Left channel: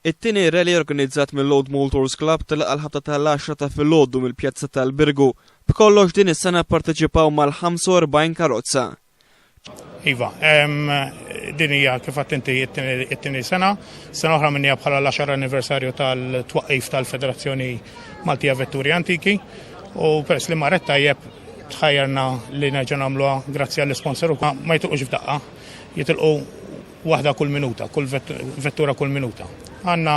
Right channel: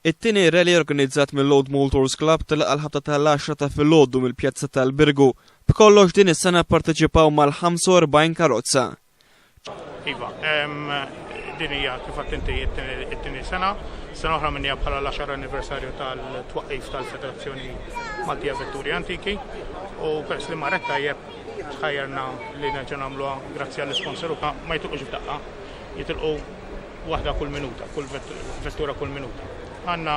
It-tieni rally organizzat mill-Load Motors Club tilqa l-ħabta tal-10 ta' filgħodu mill-Pjazza tal-Birgu. B'kollox din is-sena pparteċipaw mal-45 karozza. Iva, din hija kif qatt inti it-tieni sena oħra minnija bħala l-10 anniversarju tal-twaqqif tal-Federazzjoni Maltija Vetturi Antiki u peress li marret tajjeb tħajjarna li nerġa' nagħmluha grazzi għall-isponsor ma jitilqux f'daqqa, jitilqu waħda kull minuta, kull vettura kull minuta. Għandna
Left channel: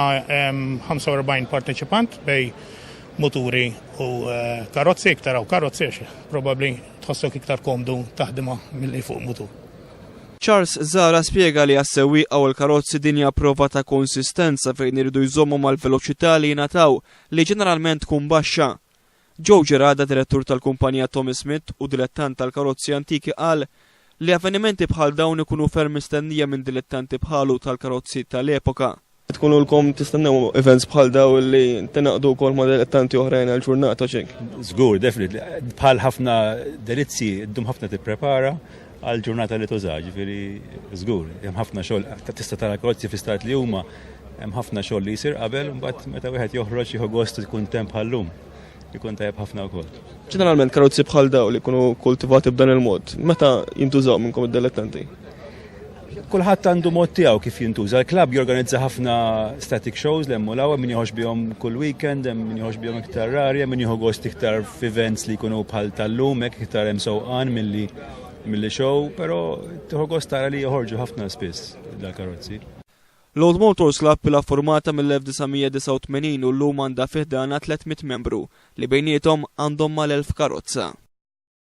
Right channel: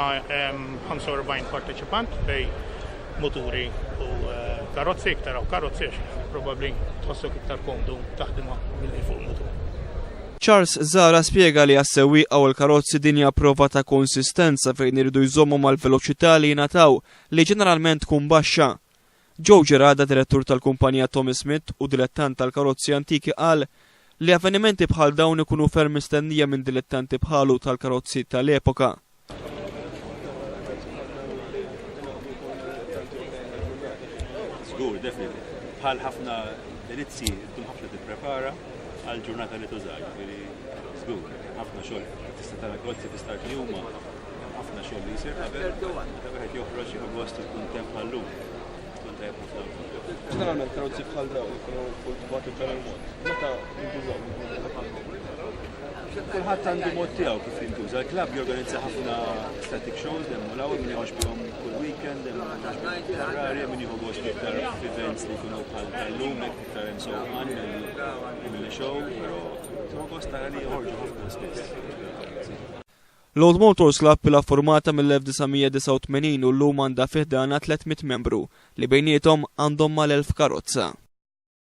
45 parteċipant bej moturi u karozzi, iktar u karozzi, probabbli tħossok iktar komdu taħdimha milli fuq motur. Charles Zara spjega li għas-sewwieqa u l-karozzi din hija prova ta' konsistenza fejn iridu jżommu mal-veloċità li jingħataw li ġeneralment tkun baxxa. Joe Gerada, direttur tal-kumpanija Tommy Smith u dilettant tal-karozzi antiki qal li avvenimenti bħal dawn ikunu ferm mistennija minn dilettanti bħalu tal-karozzi tal-epoka. Tkunu l-kom tistennew events bħal daw li tinaqdu wkoll ma' dilettanti oħrajn għall-ġurnata xejn. Żgur, definitely. Bħal ħafna delizzi ddum ħafna tipprepara għall-ġurnata li tuża, ġifieri żgur, hemm ħafna xogħol tista' tara karozzi fi stat li huma hemm ħafna xogħol li jsir qabel mbagħad meta wieħed joħroġ jieħu gost ikun temp bħallum. Ikun tajjeb ħafna wkoll. Ġeneralment karozzi bħal daw li jkunu kultivati b'dan il-mod, meta jintużaw minnkom id-dilettanti? Kulħadd għandu mod tiegħu kif jintuża. Il-klabb jorganizza ħafna static shows li hemm ulaw min jieħoġ bihom kull weekend, hemm min jieħoġ bihom iktar rarja, min jieħu gost iktar f'events li jkunu bħal tal-lum hekk iktar hemm sewqan milli show, però tieħu gost tara li joħorġu ħafna spiss l-karozzi. Load Motors Club bila formata mill-1989 u llum għandha fih dana 300 membru li bejniethom għandhom mal-1000 karozza.